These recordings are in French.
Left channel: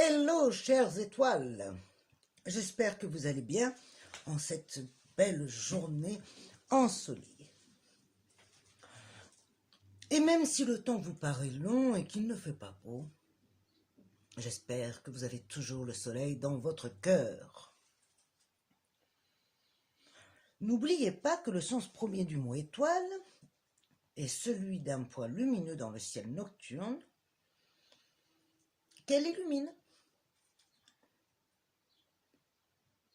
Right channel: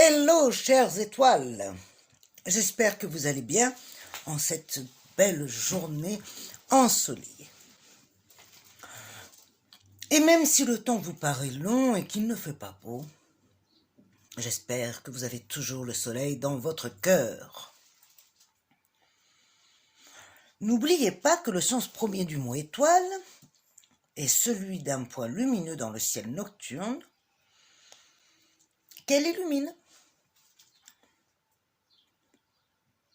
Hello, chères étoiles! J'espère que vous allez bien en cette belle journée ensoleillée. Et même si le temps vous paraît long et qu'il ne fait pas beau, j'espère que vous avez toujours le soleil dans votre cœur. N'oubliez pas que le sens premier du mot étoile est celui d'un point lumineux dans le ciel nocturne qu'elle illumine.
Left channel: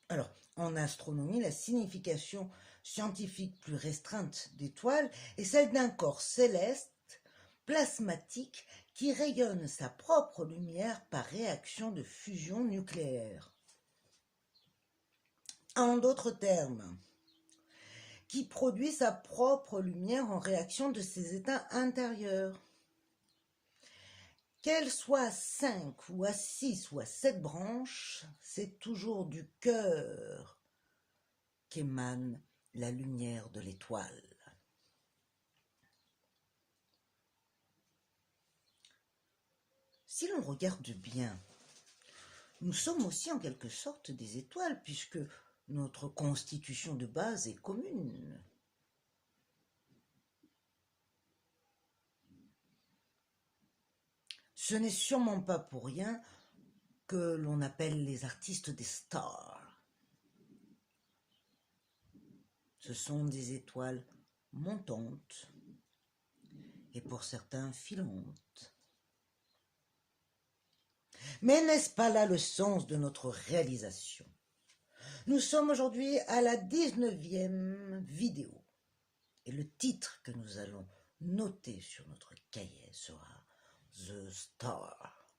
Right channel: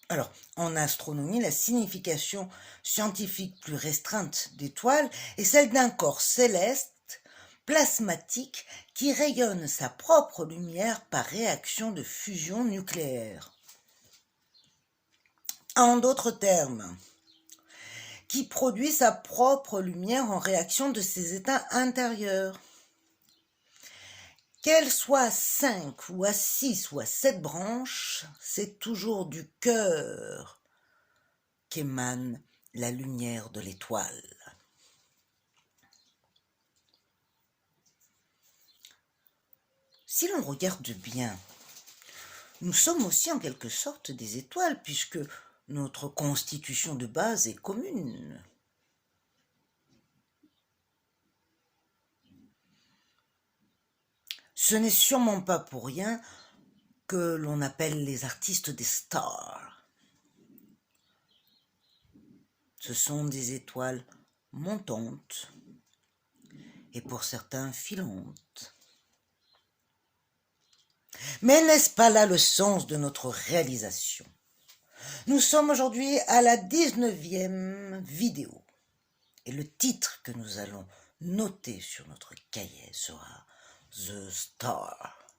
Alors, en astronomie, la signification scientifique plus restreinte d'étoile est celle d'un corps céleste, plasmatique, qui rayonne sa propre lumière par réaction de fusion nucléaire. En d'autres termes, qui produit sa propre lumière en réaction de ses états intérieurs. Qu'elle soit à 5 ou à 6 ou à 7 branches, c'est toujours du cœur qu'émane la lumière de l'étoile. Si l'on regarde bien, nous sommes aussi en quelque sorte des étoiles puisque notre constitution de base est commune. Ce n'est sûrement pas pour rien que l'on appelle les artistes des stars. Ce sont des étoiles montantes et pour certains filantes. Mais n'est-ce pas là le sens de notre réalisation? Nous sommes aujourd'hui à la 19e vidéo et le titre que nous allons noter sur notre cahier sera The Star.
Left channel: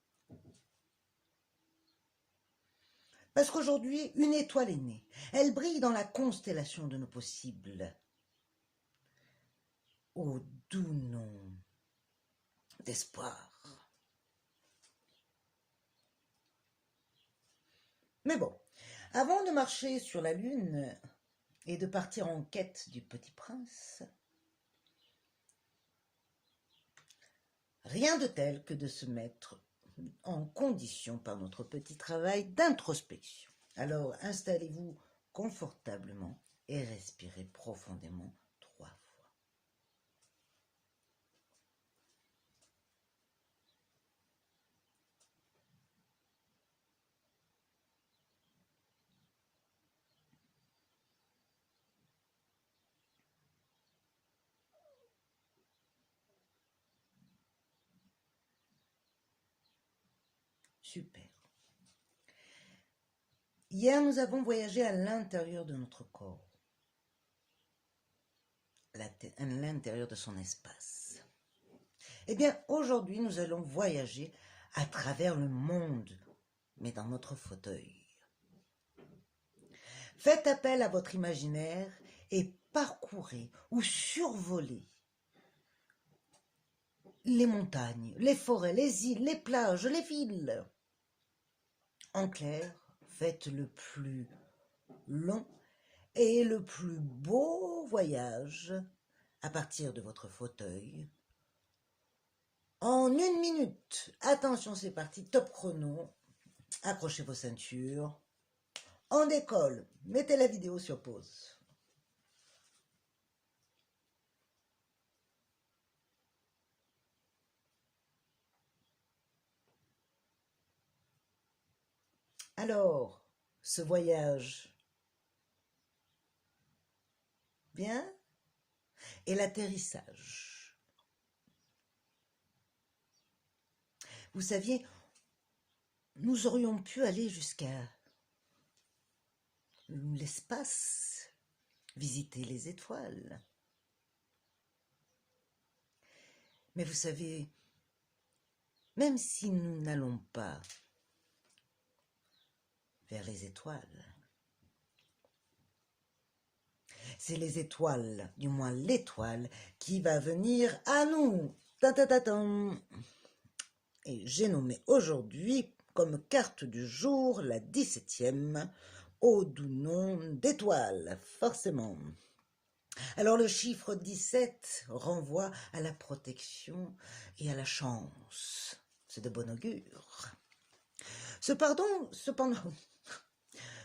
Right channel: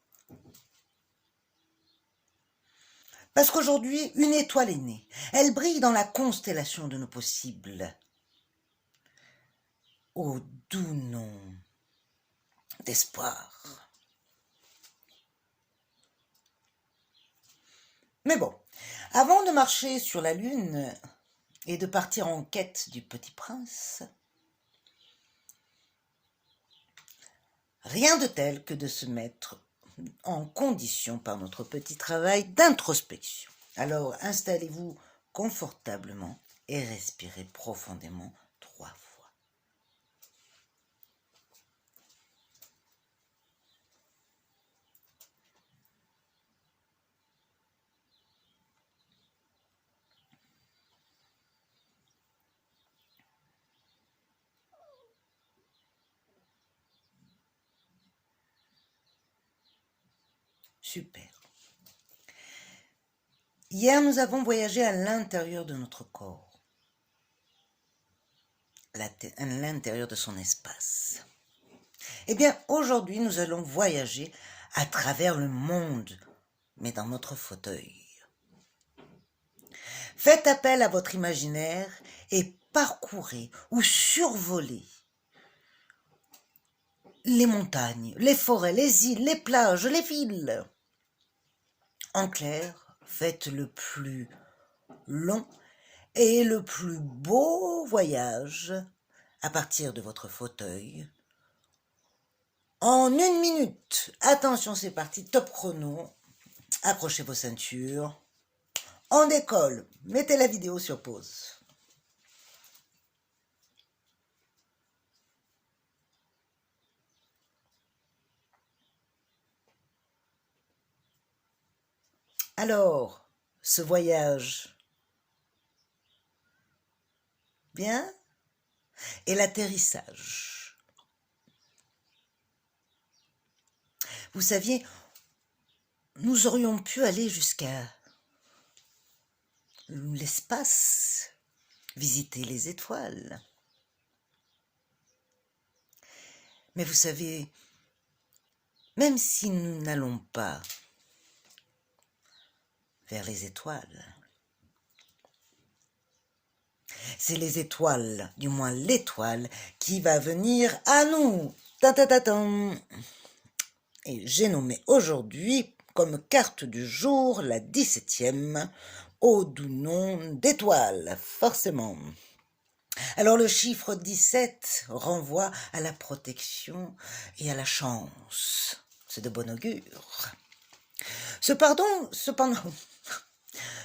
Parce qu'aujourd'hui, une étoile est née. Elle brille dans la constellation de nos possibles. Au doux nom d'espoir. Mais bon, avant de marcher sur la Lune et de partir en quête du Petit Prince, rien de tel que de se mettre en condition par notre petit travail d'introspection. Alors installez-vous confortablement et respirez profondément 3 fois. Super. Hier, nous avons voyagé à l'intérieur de notre corps, à l'intérieur de son espace. Eh bien, aujourd'hui, nous allons voyager à travers le monde, mais dans notre fauteuil. Faites appel à votre imaginaire et parcourez ou survolez les montagnes, les forêts, les îles, les plages, les villes. En clair, faites le plus long et le plus beau voyage à partir de votre fauteuil. En 1 minute, attention, c'est parti, top chrono, accrochez vos ceintures, on décolle, mettez la vidéo sur pause. Alors, ce voyage, bien? Et l'atterrissage. Vous saviez, nous aurions pu aller jusqu'à l'espace, visiter les étoiles. Mais vous savez, même si nous n'allons pas vers les étoiles, c'est les étoiles, du moins l'étoile, qui va venir à nous. Ta-ta-ta-tam. Et j'ai nommé aujourd'hui comme carte du jour la 17e, au doux nom d'étoile, forcément. Alors le chiffre 17 renvoie à la protection et à la chance. C'est de bon augure.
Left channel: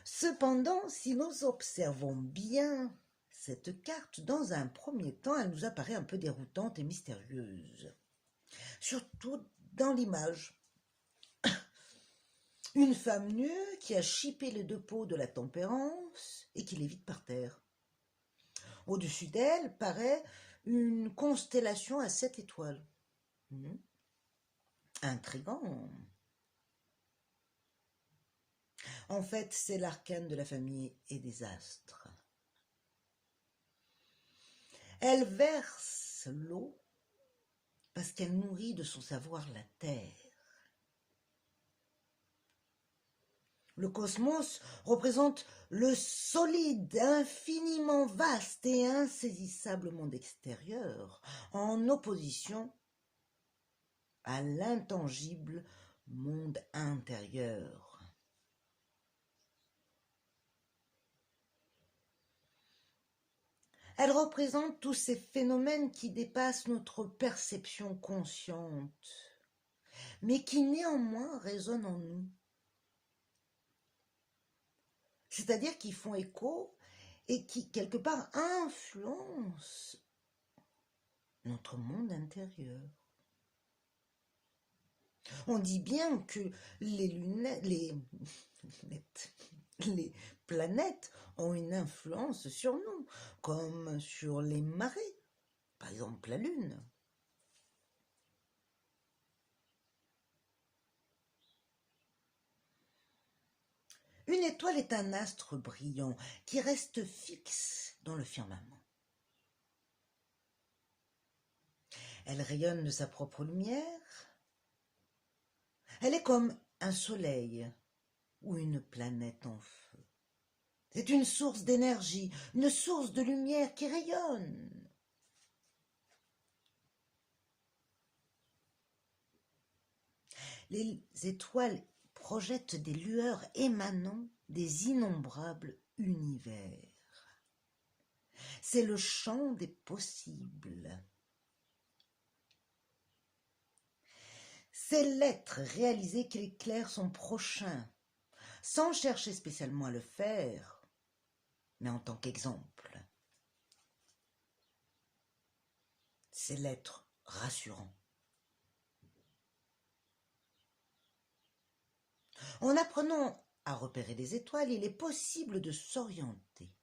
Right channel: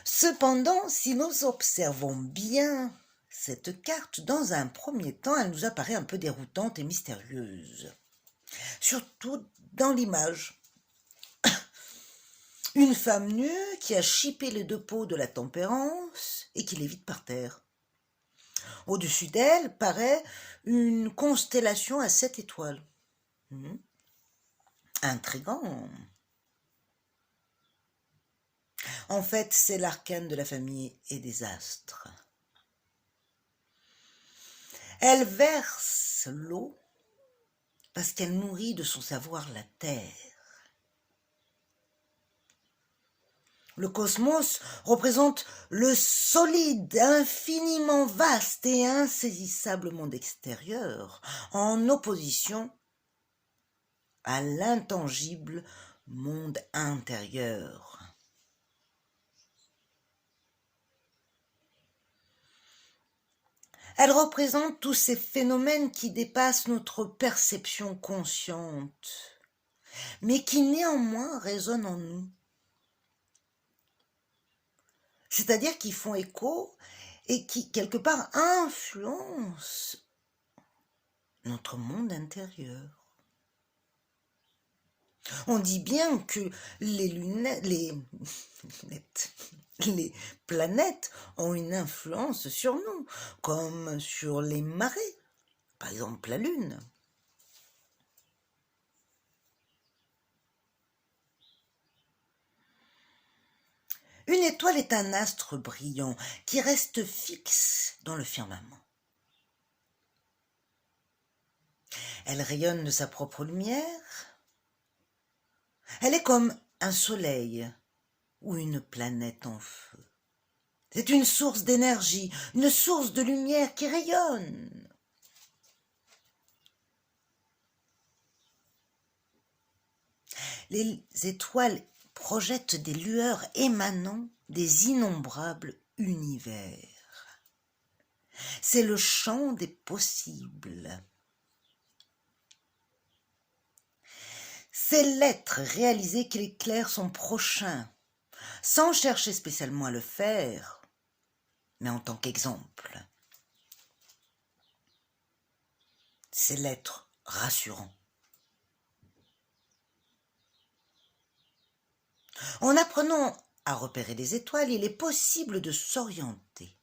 Cependant, si nous observons bien cette carte, dans un premier temps, elle nous apparaît un peu déroutante et mystérieuse. Surtout dans l'image. Une femme nue qui a chippé les deux peaux de la tempérance et qui lévite par terre. Au-dessus d'elle paraît une constellation à 7 étoiles. Intriguant. En fait, c'est l'arcane de la famille et des astres. Elle verse l'eau parce qu'elle nourrit de son savoir la terre. Le cosmos représente le solide, infiniment vaste et insaisissable monde extérieur, en opposition à l'intangible monde intérieur. Elle représente tous ces phénomènes qui dépassent notre perception consciente, mais qui néanmoins résonnent en nous. C'est-à-dire qui font écho et qui, quelque part, influencent notre monde intérieur. On dit bien que les planètes ont une influence sur nous, comme sur les marées, par exemple la Lune. Une étoile est un astre brillant qui reste fixe dans le firmament. Elle rayonne de sa propre lumière. Elle est comme un soleil ou une planète en feu. C'est une source d'énergie, une source de lumière qui rayonne. Les étoiles projettent des lueurs émanant des innombrables univers. C'est le champ des possibles. C'est l'être réalisé qu'il éclaire son prochain, sans chercher spécialement à le faire, mais en tant qu'exemple. C'est l'être rassurant. En apprenant à repérer les étoiles, il est possible de s'orienter.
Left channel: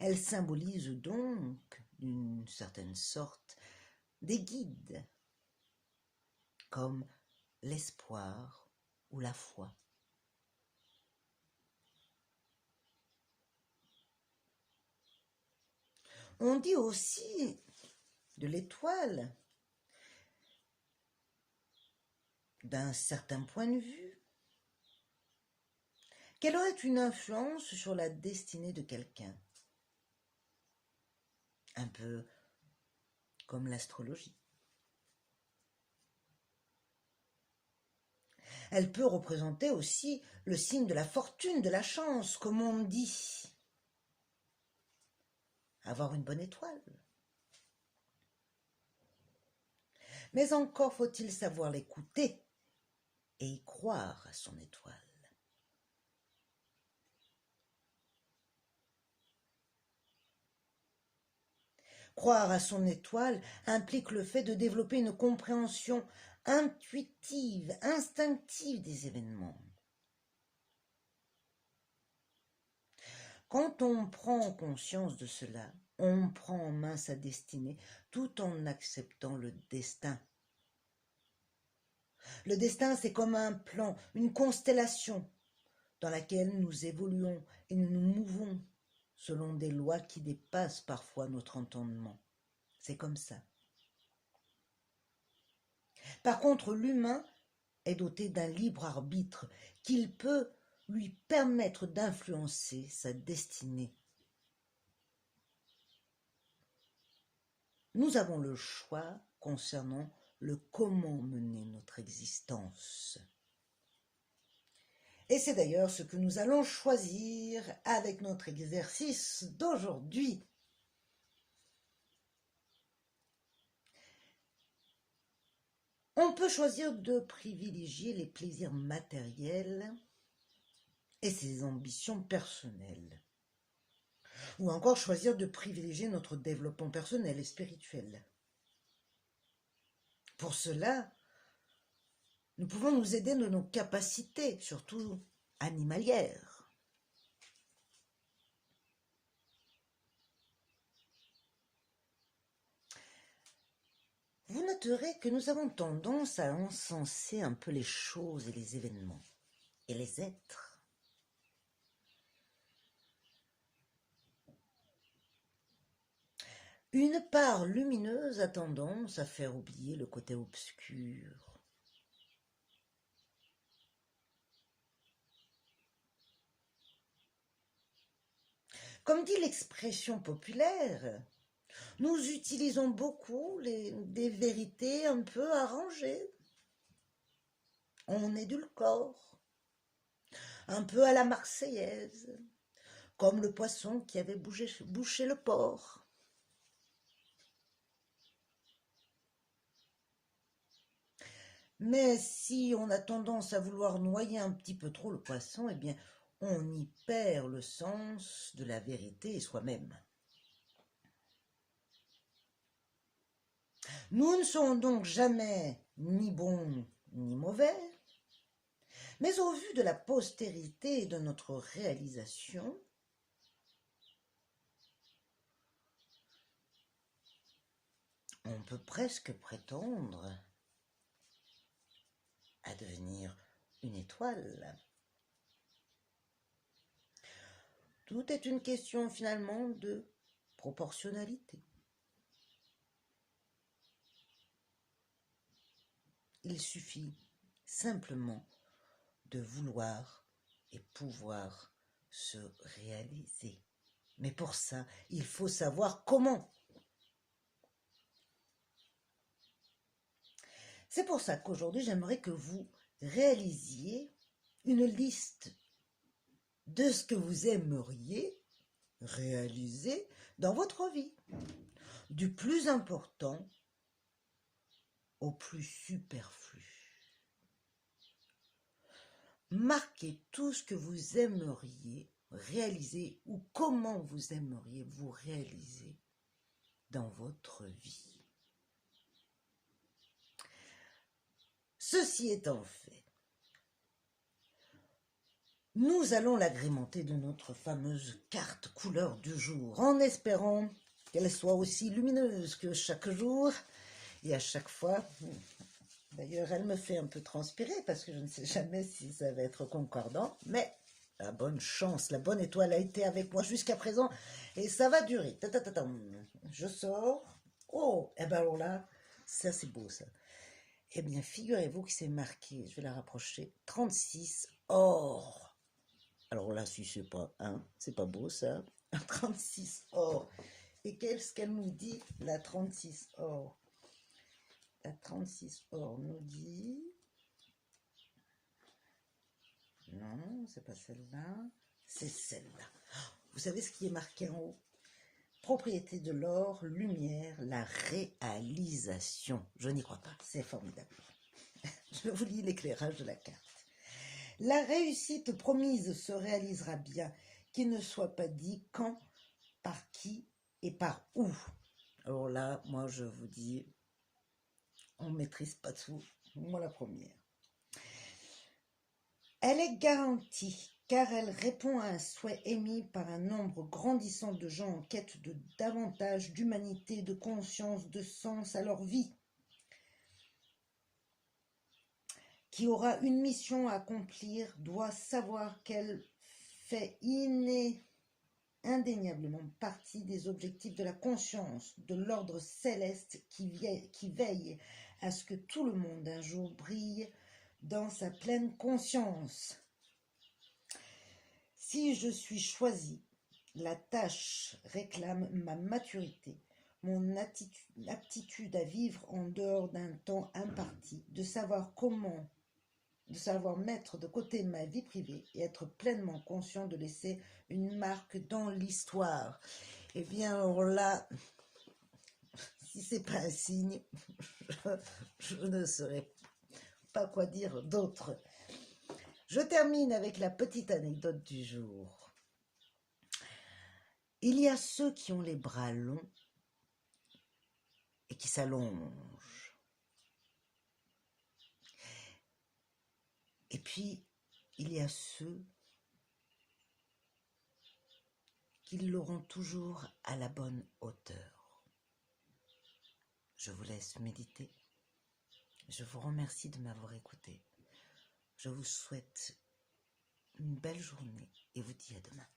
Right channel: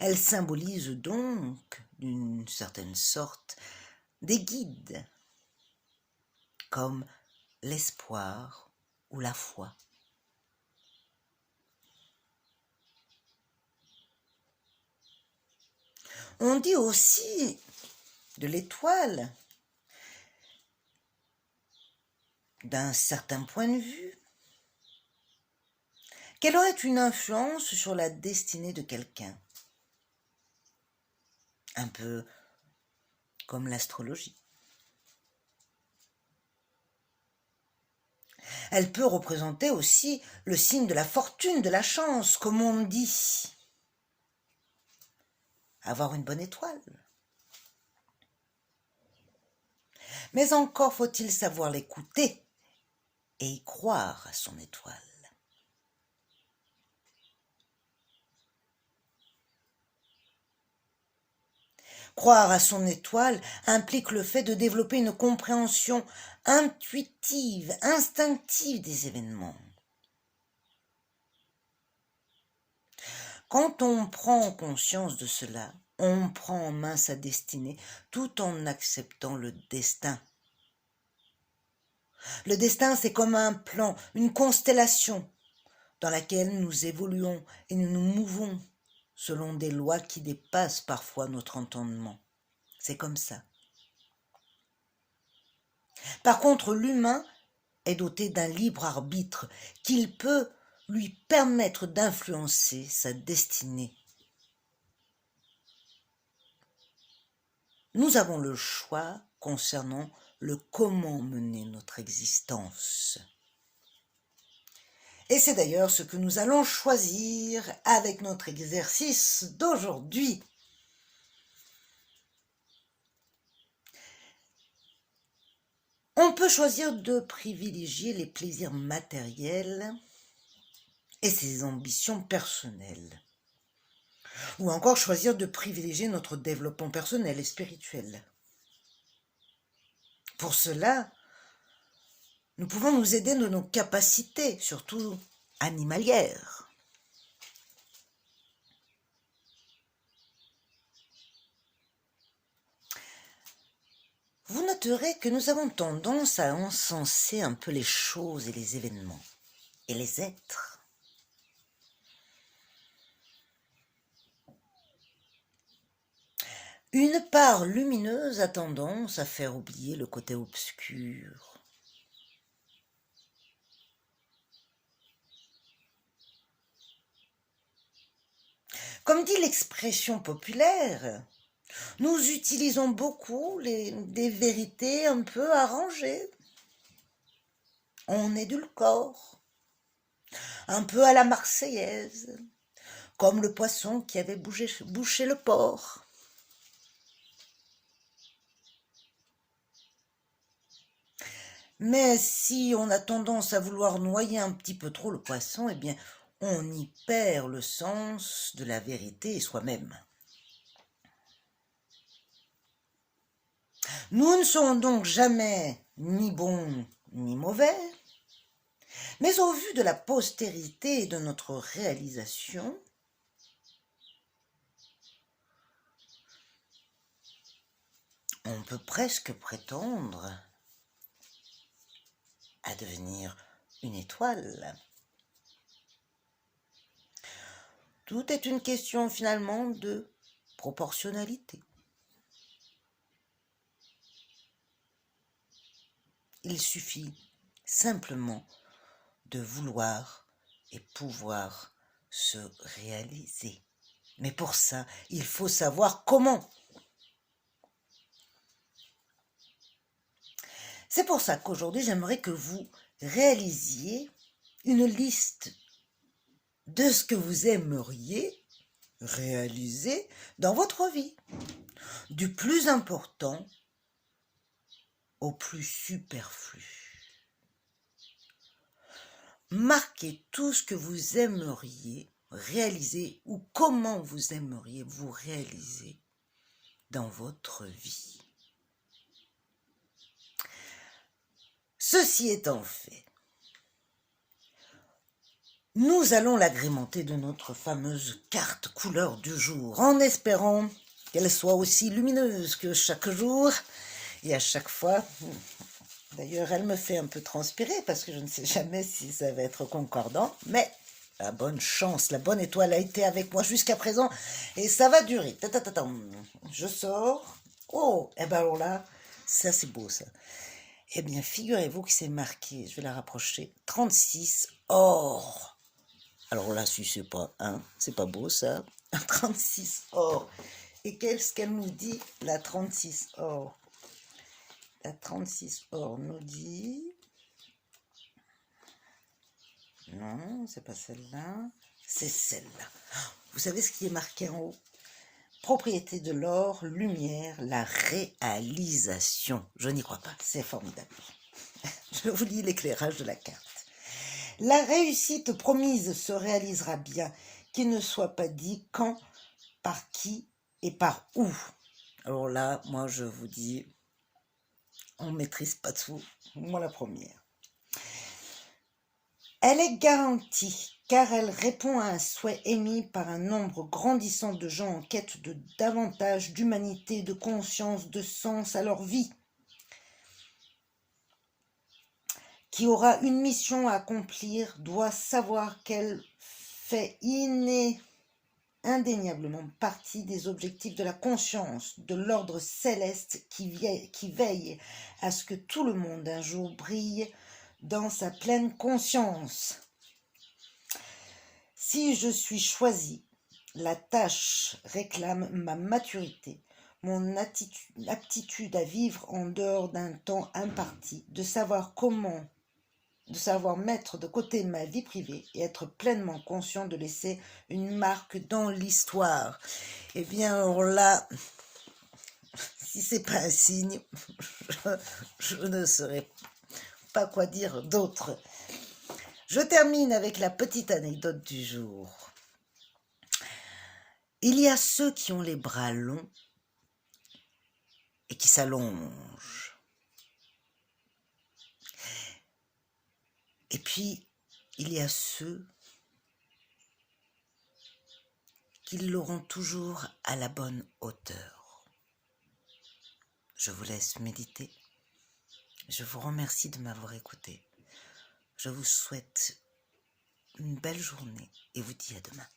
Elles symbolisent donc, d'une certaine sorte, des guides, comme l'espoir ou la foi. On dit aussi de l'étoile, d'un certain point de vue, qu'elle aurait une influence sur la destinée de quelqu'un. Un peu comme l'astrologie. Elle peut représenter aussi le signe de la fortune, de la chance, comme on dit. Avoir une bonne étoile. Mais encore faut-il savoir l'écouter et y croire à son étoile. Croire à son étoile implique le fait de développer une compréhension intuitive, instinctive des événements. Quand on prend conscience de cela, on prend en main sa destinée tout en acceptant le destin. Le destin, c'est comme un plan, une constellation dans laquelle nous évoluons et nous nous mouvons selon des lois qui dépassent parfois notre entendement. C'est comme ça. Par contre, l'humain est doté d'un libre arbitre qu'il peut lui permettre d'influencer sa destinée. Nous avons le choix concernant le comment mener notre existence. Et c'est d'ailleurs ce que nous allons choisir avec notre exercice d'aujourd'hui. On On peut choisir de privilégier les plaisirs matériels et ses ambitions personnelles. Ou encore choisir de privilégier notre développement personnel et spirituel. Pour cela, nous pouvons nous aider de nos capacités, surtout animalières. Vous noterez que nous avons tendance à encenser un peu les choses et les événements, et les êtres. Une part lumineuse a tendance à faire oublier le côté obscur. Comme dit l'expression populaire, nous utilisons beaucoup des vérités un peu arrangées. On édulcore, un peu à la Marseillaise, comme le poisson qui avait bouché le port. Mais si on a tendance à vouloir noyer un petit peu trop le poisson, eh bien, on y perd le sens de la vérité et soi-même. Nous ne serons donc jamais ni bons ni mauvais, mais au vu de la postérité et de notre réalisation, on peut presque prétendre à devenir une étoile. Tout est une question finalement de proportionnalité. Il suffit simplement de vouloir et pouvoir se réaliser. Mais pour ça, il faut savoir comment. C'est pour ça qu'aujourd'hui, j'aimerais que vous réalisiez une liste de ce que vous aimeriez réaliser dans votre vie, du plus important au plus superflu. Marquez tout ce que vous aimeriez réaliser ou comment vous aimeriez vous réaliser dans votre vie. Ceci étant fait, nous allons l'agrémenter de notre fameuse carte couleur du jour, en espérant qu'elle soit aussi lumineuse que chaque jour. Et à chaque fois, d'ailleurs, elle me fait un peu transpirer parce que je ne sais jamais si ça va être concordant, mais la bonne chance, la bonne étoile a été avec moi jusqu'à présent et ça va durer. Je sors. Oh, et ben alors là, ça c'est beau ça. Eh bien, figurez-vous que c'est marqué, je vais la rapprocher, 36 or. Alors là, si c'est pas c'est pas beau ça, 36 or. Et qu'est-ce qu'elle nous dit, la 36 or? La 36 or nous dit... Non, c'est pas celle-là, c'est celle-là. Vous savez ce qui est marqué en haut? Propriété de l'or, lumière, la réalisation. Je n'y crois pas, c'est formidable. Je vous lis l'éclairage de la carte. La réussite promise se réalisera bien, qu'il ne soit pas dit quand, par qui et par où. Alors là, moi je vous dis, on ne maîtrise pas tout, moi la première. Elle est garantie, car elle répond à un souhait émis par un nombre grandissant de gens en quête de davantage d'humanité, de conscience, de sens à leur vie, qui aura une mission à accomplir, doit savoir qu'elle fait indéniablement partie des objectifs de la conscience, de l'ordre céleste qui veille à ce que tout le monde un jour brille dans sa pleine conscience. Si je suis choisi, la tâche réclame ma maturité, mon aptitude à vivre en dehors d'un temps imparti, de savoir mettre de côté ma vie privée et être pleinement conscient de laisser une marque dans l'histoire. Eh bien, alors là, si c'est pas un signe, je ne saurais pas quoi dire d'autre. Je termine avec la petite anecdote du jour. Il y a ceux qui ont les bras longs et qui s'allongent. Et puis, il y a ceux qui l'auront toujours à la bonne hauteur. Je vous laisse méditer. Je vous remercie de m'avoir écouté. Je vous souhaite une belle journée et vous dis à demain.